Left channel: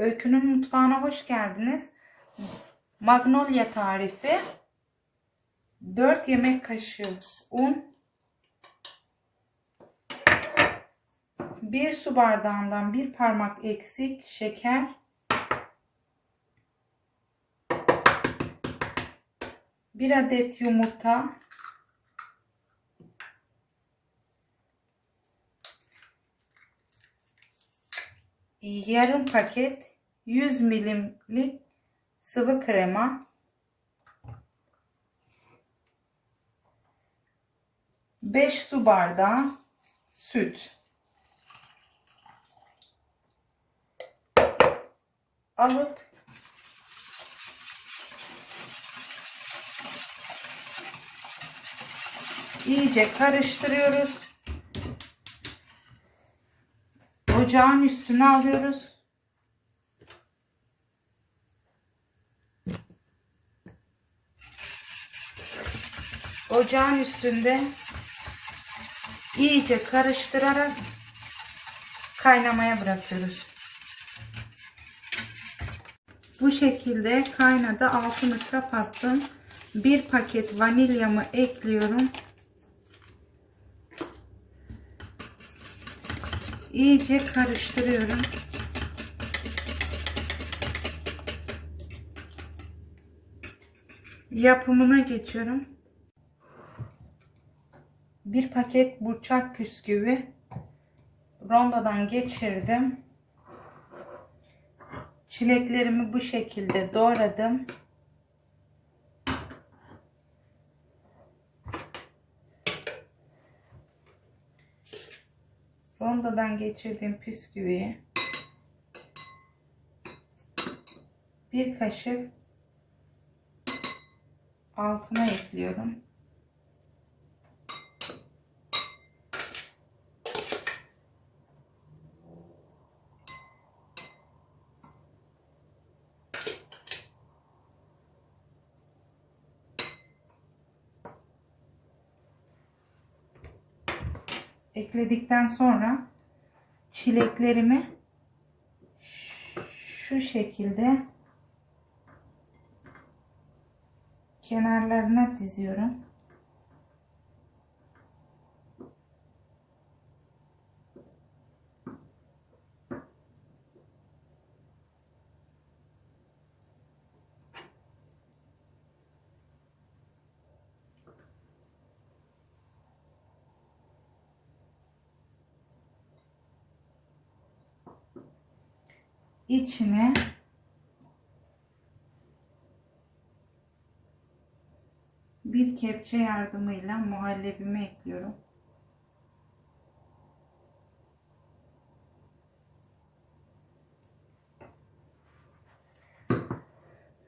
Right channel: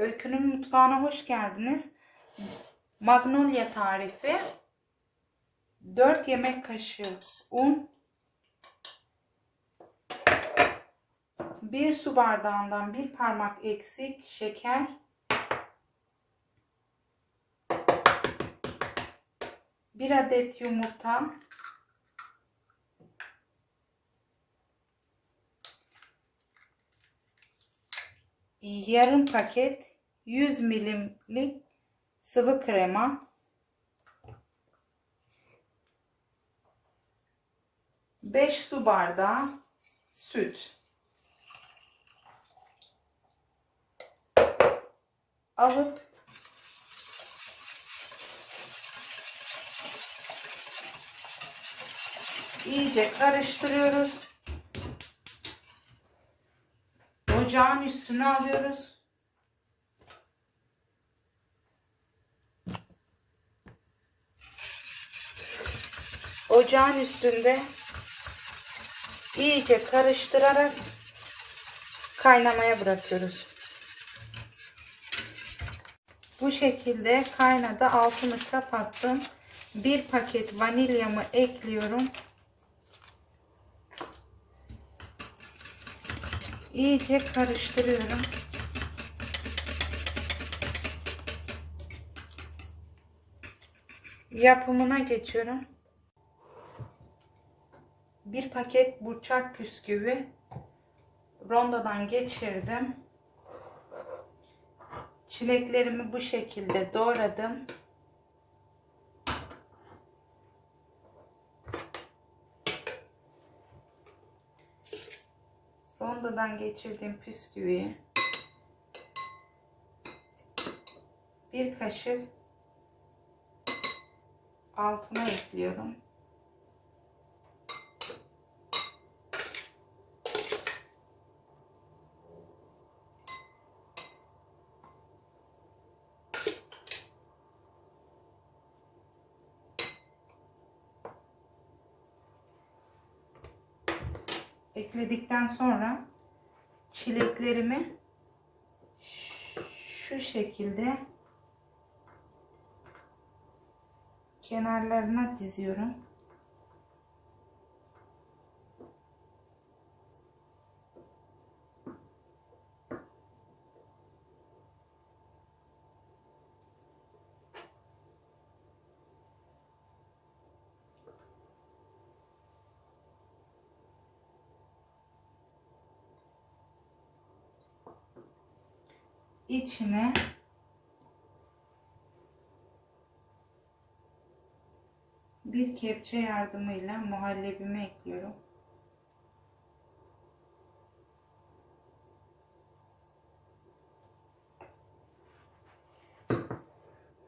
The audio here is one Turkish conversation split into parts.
Öykünün mutfağına hoş geldiniz. Magnolia tarifi. 4 yemek kaşığı un. 1 su bardağından bir parmak eksik şeker. Bir adet yumurta. yarım paket 100 milimlik sıvı krema 5 su bardağı süt alıp iyice karıştırıyoruz. Ocağın üstüne alıyoruz. Ocağın üstünde iyice karıştırarak kaynamaya bırakıyoruz. Bu şekilde kaynadı. Altını kapattım. Bir paket vanilyamı ekliyorum. iyice karıştırıyorum. Yapımına geçiyorum. Bir paket burçak püsküvi rondodan geçirdim. Çileklerimi bu şekilde doğradım. rondodan geçirdiğim püsküviyi bir kaşık altına ekliyorum. Ekledikten sonra çileklerimi şu şekilde kenarlarına diziyorum. İçine bir kepçe yardımıyla muhallebimi ekliyorum.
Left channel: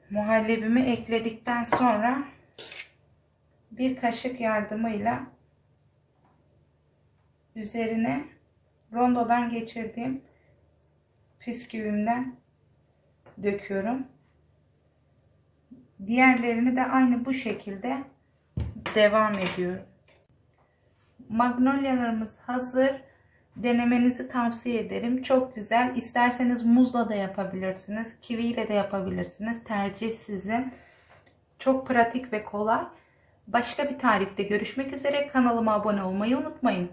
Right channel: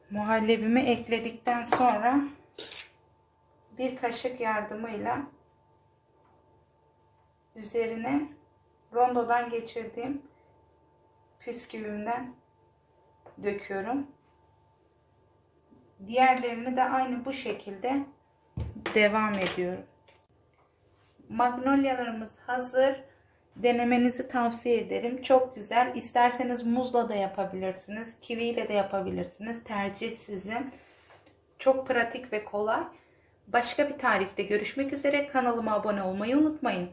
Muhallebimi ekledikten sonra bir kaşık yardımıyla üzerine rondodan geçirdiğim püsküvümden döküyorum. Diğerlerini de aynı bu şekilde devam ediyorum. Magnolyalarımız hazır. Denemenizi tavsiye ederim. Çok güzel. İsterseniz muzla da yapabilirsiniz. Kiviyle de yapabilirsiniz. Tercih sizin. Çok pratik ve kolay. Başka bir tarifte görüşmek üzere. Kanalıma abone olmayı unutmayın.